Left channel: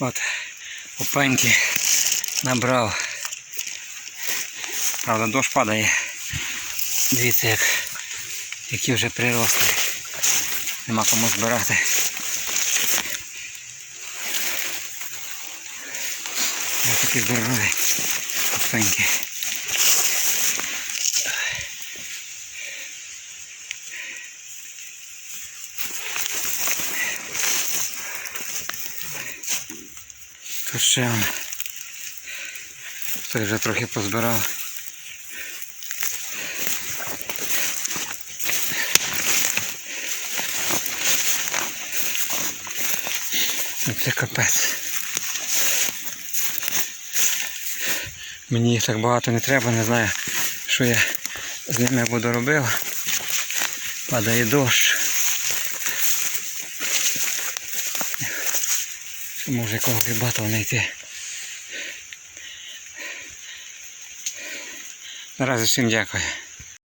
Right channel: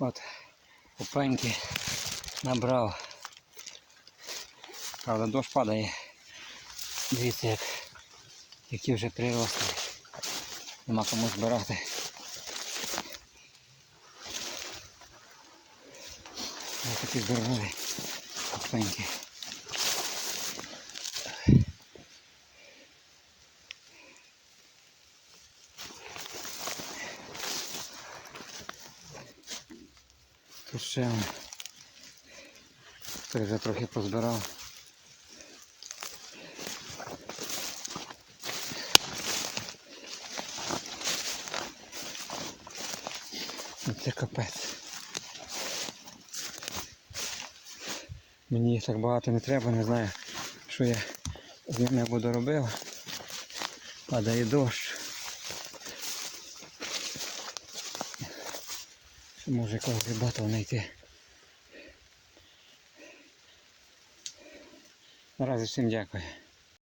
От опеньки набрав. Правда, дощ падає. Дивіться, як, які вже приросли. Нема кому збирати. Ось такі здорові опеньки. Ще он. Вже трохи позбирав. Ну, Це капець. Мені їх так багато не треба, не знаю, що я з ними буду робив. Падає дощ. Може якого грибата знайти. Наразі всім дякую.